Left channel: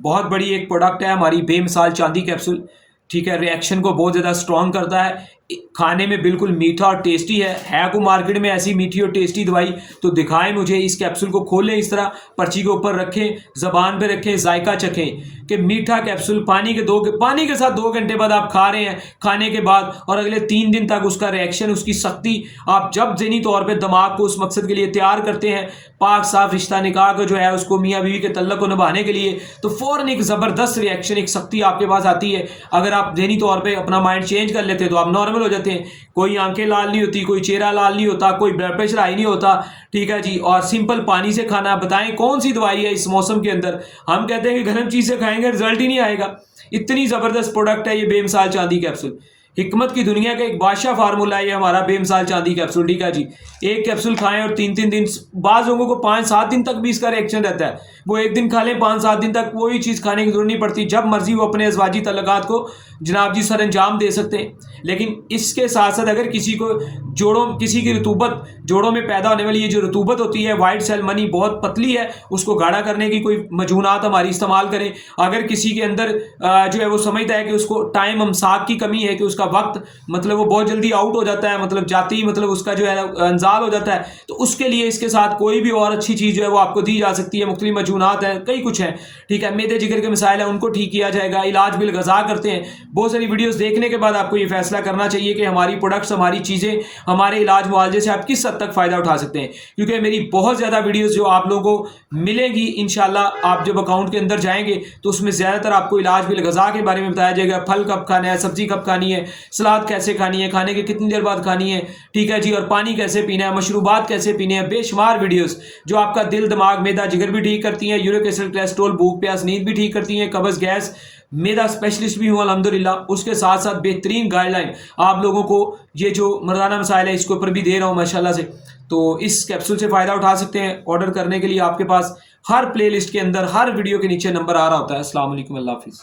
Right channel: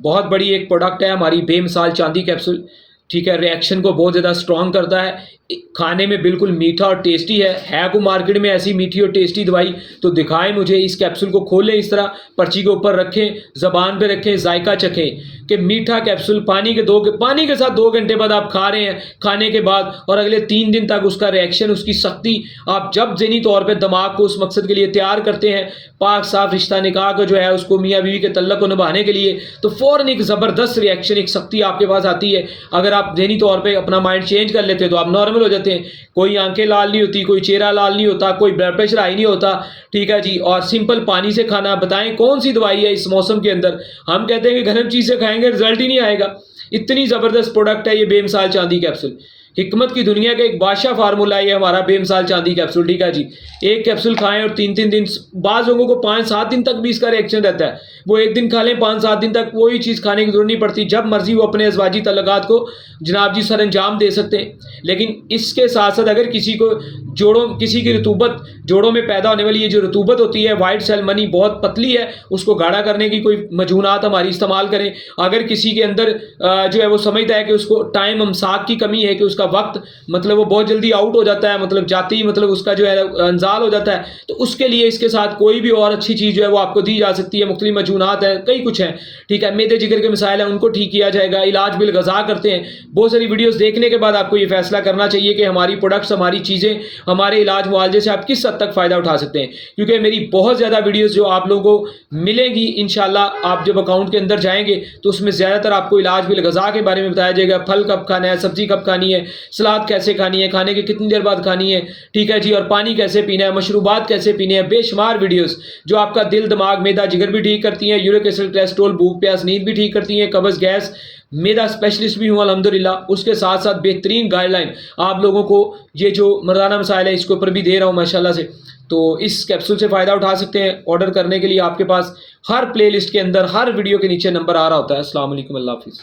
बहुत बड़ी एक प्रोडक्ट है हमारी बेमिसाल चांदी कैप्सूल, ठीक है। रिएक्शन को बहुत ज़्यादा स्ट्रॉन्ग करता है, खाने में बिल्कुल मीठा और टेस्टी है को मार्केट में ऐसी मीठी और टेस्टी दवाई तो दिखाएं मुझे। इस कैप्सूल को खोलें, इस तरह पर्ची के ऊपर रखें, ज़बान पे रखें, जायका चखें कि मीठा कैप्सूल पानी के साथ 2 घंटे बाद आप खा रहे हैं, खाने के बाद और अगले 3 दिन तक उसका रिएक्शन, उसकी सख्ती, आप जब ज़हनी तौर पर दिमाग को उस मकसद के लिए तैयार करते हैं, पाक साफ रिश्ता निकाह को जो है उसको मियाँ बीवी के तल्लक को निभाने के लिए, तो फ़ौरन एक ज़बरदस्त रिएक्शन, एक सख्ती आपके पास आती है। अगर आप ज़हनी तौर पर अपना माइंड चेंज कर लेते हैं तो आप नॉर्मल हो जाते हैं। कोई आंखें लाल नहीं होती, कोई चेहरा लाल नहीं होता, कोई ब्लड प्रेशर हाई नहीं होता, ठीक है जी। और सिंपल पानी से खाना। बताएं कौन सी दवाई है इस मौसम के अंदर, हम कहते हैं कि गर्म चीज़ से खाएंगे रिजल्ट ही नहीं आएगा। इतनी ज़बरदस्त प्रोडक्ट है ये बेमिसाल चांदी कैप्सूल। हिकमत की दुनिया का एक बादशाह फार्मूला है ये हमारा बेमिसाल चांदी कैप्सूल, ठीक है जी। एक कैप्सूल खाएं और 3-3 दिन, बाज़ लोगों को 5-7 दिन तक भी इसका रिएक्शन रहता है। वो एक दिन खा लें, 5-7 दिन तक वही चीज़ खाने की जरूरत नहीं पड़ती, जब मर्जी वो अपने अज़वाजी तल्लुकात को जनाब जी सर अंजाम दे सकते हैं। लेकिन इसके साथ साथ अगर किसी को किसी की रतूबत, जोड़ों में पैदा होने वाली ये जो रतूबत होती है, वाइट सेल मनी बहुत पतली है, उसको गाढ़ा करने की कोई मजूनात हमारी इस्तेमाल करें। अगर किसी के अंदर जो है वो समझता है कि उसको टाइम अमसाक की कमी है, कि उसका वक्त मतलब वो बहुत जल्दी आउट हो जाता है, मतलब जाते ही मतलब उसका जो है अंजाल हो जाता है, तो उसके लिए इसके साथ कोई भी और अच्छी चीज़ जो है वो आपको दी जा सकती है। मुख्तलिफ मजूनात हैं, कई कुछ हैं, ठीक है। मेदे जिगर के मसाइल हैं, उनको ठीक किया जाएगा। इलाज बिल गज़ा करते हैं। बहुत सारी वीडियोस देखने के बाद आपको ये फैसला करना चाहिए कि हमारी प्रोडक्ट्स, हमारी चीज़ें, हमारे इलाज मुआवजे से आप किस हद तक फ़ायदा उठा सकते हैं। क्योंकि मेरी बहुत ज़्यादा वीडियोस जो आप लोगों को मिलेंगी इंशाल्लाह, आप जब अकाउंट के अंदर जाएंगे तो उसमें ज़्यादातर आपको इलाज बिल गज़ा के बारे में बताया जाएगा। फल कब खाना है, सब्ज़ी कब खानी है, सलाद कैसे खानी है, खाने के कितनी देर बाद खानी है, ठीक है जी, और पानी कैसे पीना है, मशरूबात कैसे पीने हैं। बेशुमार वीडियोस जो आपका दिल, दिमाग, मैदा, जिगर भी ठीक करती हैं, यूरिक एसिड, कोलेस्ट्रॉल, भूख प्यास, नींद भी ठीक करती हैं, कब्ज़, गैस। मेरा स्पेशलिस्ट भी हूँ अल्हम्दुलिल्लाह। उसके साथ साथ बेहतरीन गाइडलाइन आप लोगों को ये जो मर्दाना मसाइल है इसके ऊपर भी दे रहा हूँ माशाल्लाह से। तो इस कैप्सूल से फ़ायदा उठा सकते हैं। ऑर्डर करने के लिए आपके पास हर प्लेलिस्ट के अंदर, हर वीडियो के नीचे नंबर आ रहा होता है। अस्सलाम वालेकुम, अल्लाह हाफिज़।